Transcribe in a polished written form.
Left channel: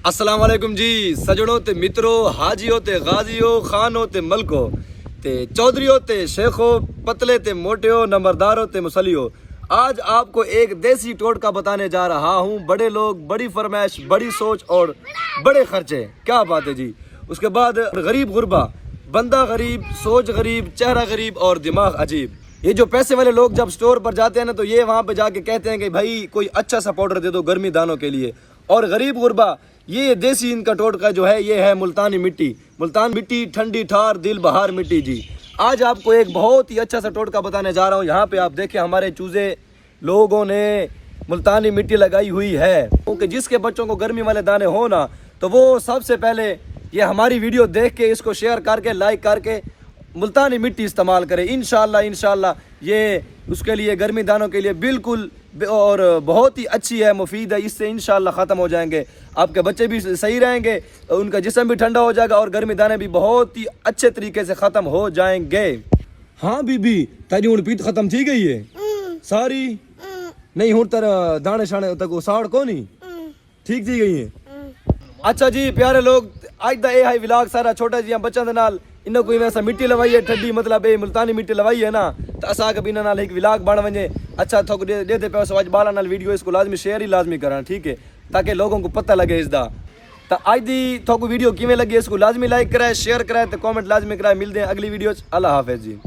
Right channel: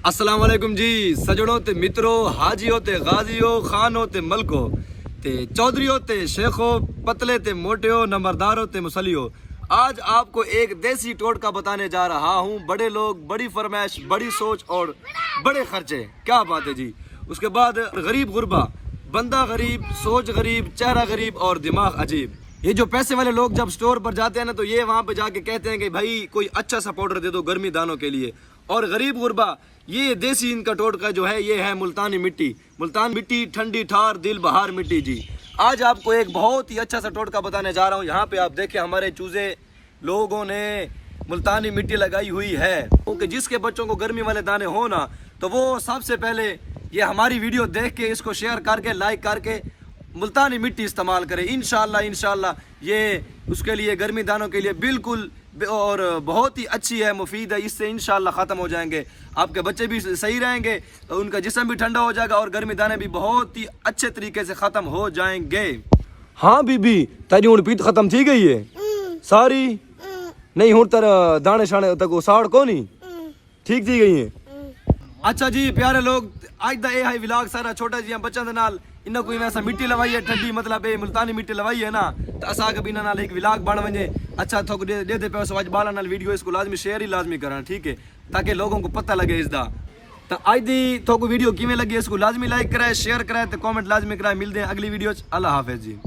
अस्सलाम वालेकुम जी सजनों ते मित्रों, हाजियों ते गाजियों, खानों ते मलको ते चौधरियों ते शेखों, पतले ते मोटियों, नंबरदारों ते मुसलियों। आज आपको एक देसी टोटका बताने जा रहा हूँ। बड़े लोग, बड़ी फरमाइश, बड़ी सोच और बड़े खर्चे। क्या बात है जी। उसके बाद गरीब गुरबा, बंदा गरीब, सोच गरीब, चेहरा गरीब और दिमाग अजीब। ये जो पैसे वाले लोग जब स्टोर पर जाते हैं ना, तो ये वहाँ पे जाके कहते हैं कि भाई कोई अच्छा सा पाउडर दे दो गर्मी दानों के लिए। और गरीब गुरबा, ये देसी इनका टोटका जो है ये है मुल्तानी मिट्टी। मुल्तान मिट्टी ठंडी ठार दिल बहार मिट्टी जी। आज आपको एक बहुत ही अच्छा सा टोटका बताने जा रहा हूँ। यहाँ पे आप देखें हमारे चूजे लोगों ने मुल्तानी मिट्टी लगाई हुई है, क्योंकि जिसके बच्चों को गर्मी वाले दाने हो ना, तो वो सबसे पहले ये हमारी वीडियो देख के इसको शेयर करके लाइक करके मुल्तानी मिट्टी इस्तेमाल करें। इंशाल्लाह ये उसके लिए गर्मी दानों के लिए बिल्कुल और बहुत ही अच्छी है, मुफीद है। इससे इंशाल्लाह ख़त्म हो जाएंगे, आपके बच्चे भी सही रहेंगे, उनका जिस्म भी ठंडा हो जाएगा और गर्मी दाने भी बहुत ही अच्छे तरीके से ख़त्म हो जाएंगे। हाँ बीबी, तेरी हुण पीत खत्म थी गई है सारी? नहीं हुण तेरा दाने शाने तक साड़ को नहीं ठीक थी गई है। अच्छा जी प्यारे लोग, आज दा ये है व्लॉग सारा छोटा जी बच्चों के नाल इन्हों कोई वैसा मिट्टी लवाई है ठंडी, मतलब ये मुल्तानी मिट्टी लवाई है ना, तो असा के बिना नाल एक व्लॉग बन वजे। अच्छा थोक दे दे पे आज बाला नाल वीडियो इसको लाजमी शेयर ही लाजमी करना, ठीक है, ताकि लोगों को पता लगे इसदा। तो आज दी थोक वीडियो किवें लगी इसको लाजमी लाइक कराए, शेयर कराए, तो कमेंट लाजमी कराए। मिलते हैं अगली वीडियो। अल्लाह हाफिज जी।